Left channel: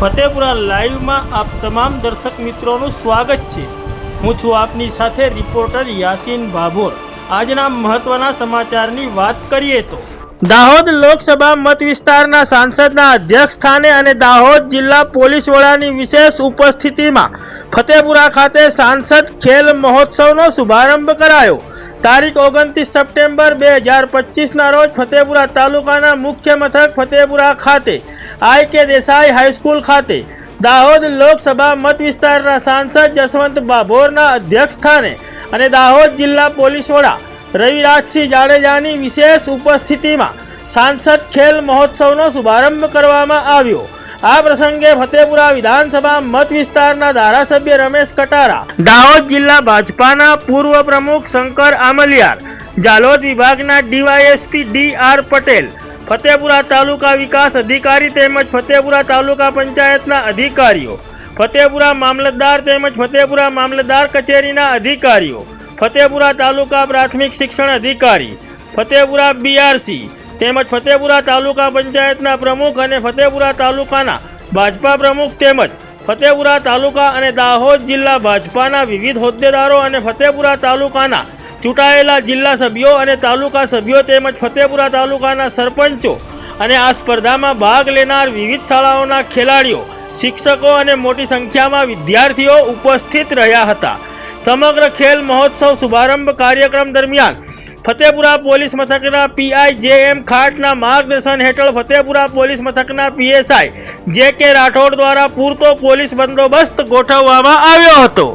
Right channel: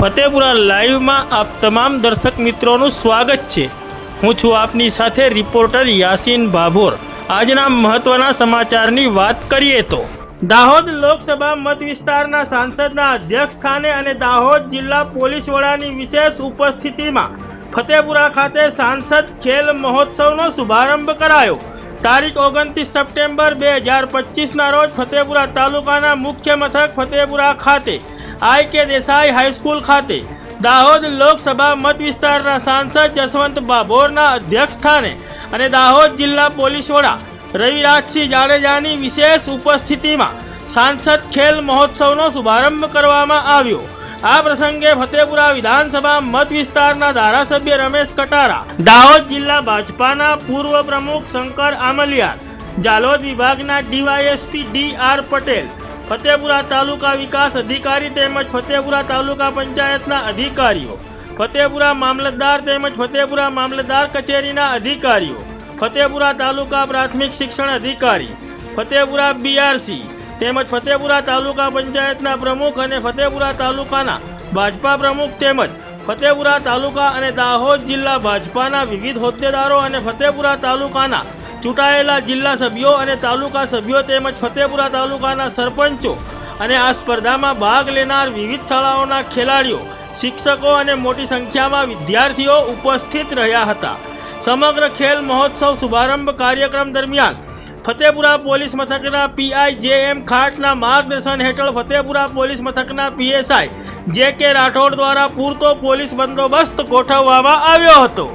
ફતેપુરા લાઈવમાં આપ તમામ દર્શક મિત્રોનું સ્વાગત છે। હું છું આપની સાથે રિપોર્ટર યાસીન ભાભોર। આજના મહત્વના સમાચારની વાત કરીએ તો દાહોદ લોકસભા મત વિસ્તારના સાંસદના અધ્યક્ષ સ્થાને અને દાહોદ જિલ્લા પોલીસ વડાની વિશેષ ઉપસ્થિતિમાં ફતેપુરા ખાતે સાંસદ ખેલ મહોત્સવનો શુભારંભ કરાયો। તારીખ 29 સપ્ટેમ્બર 2025ના રોજ ફતેપુરા તાલુકાના મુખ્ય મથક ફતેપુરા ખાતે I.K. દેસાઈ હાઈસ્કૂલ ખાતે દાહોદ લોકસભા મત વિસ્તારના સાંસદ જસવંત ભાભોરના અધ્યક્ષ સ્થાને અને દાહોદ જિલ્લા પોલીસ વડા રવિરાજસિંહ જાડેજાની વિશેષ ઉપસ્થિતિમાં સાંસદ ખેલ મહોત્સવનો શુભારંભ કરવામાં આવ્યો। આ પ્રસંગે ફતેપુરા વિધાનસભા મત વિસ્તારના ધારાસભ્ય રમેશ કટારા, દાહોદ જિલ્લા ભાજપાના પૂર્વ પ્રમુખ શંકર આમલિયાર, જાલોદ વિભાગના ડીવાયએસપી D.R. પટેલ, ફતેપુરા તાલુકા વિકાસ અધિકારી તેમજ ફતેપુરા તાલુકા પંચાયતના અધિકારીઓ, ફતેપુરા મામલતદાર તેમજ ફતેપુરા મામલતદાર કચેરીના અધિકારીઓ, ફતેપુરા તાલુકા પ્રાથમિક શિક્ષણ અધિકારી, ફતેપુરા BRC તેમજ ફતેપુરા તાલુકા પંચાયતના પ્રમુખ અને ફતેપુરા તાલુકાના ભાજપા પ્રમુખ તેમજ ફતેપુરા તાલુકા અને દાહોદ જિલ્લા ભાજપાના વિવિધ હોદ્દેદારો અને ફતેપુરા તાલુકાના ચૂંટાયેલા જિલ્લા સભ્યો અને તાલુકા સભ્યો તેમજ ફતેપુરા તાલુકાના સરપંચો અને આ સ્પર્ધામાં ભાગ લેનાર વિવિધ શાળાઓના ખેલાડીઓ, શિક્ષકો અને મોટી સંખ્યામાં વિદ્યાર્થીઓ ઉપસ્થિત રહ્યા હતા। સમગ્ર ખેલ મહોત્સવ શુભારંભ કાર્યક્રમ દરમિયાન ફતેપુરા પોલીસ મથકના PI JM ખાટના માર્ગદર્શન હેઠળ ફતેપુરા પોલીસ મથકના PSI JK રાઠોડ દ્વારા પૂરતો પોલીસ બંદોબસ્ત ગોઠવવામાં આવ્યો હતો।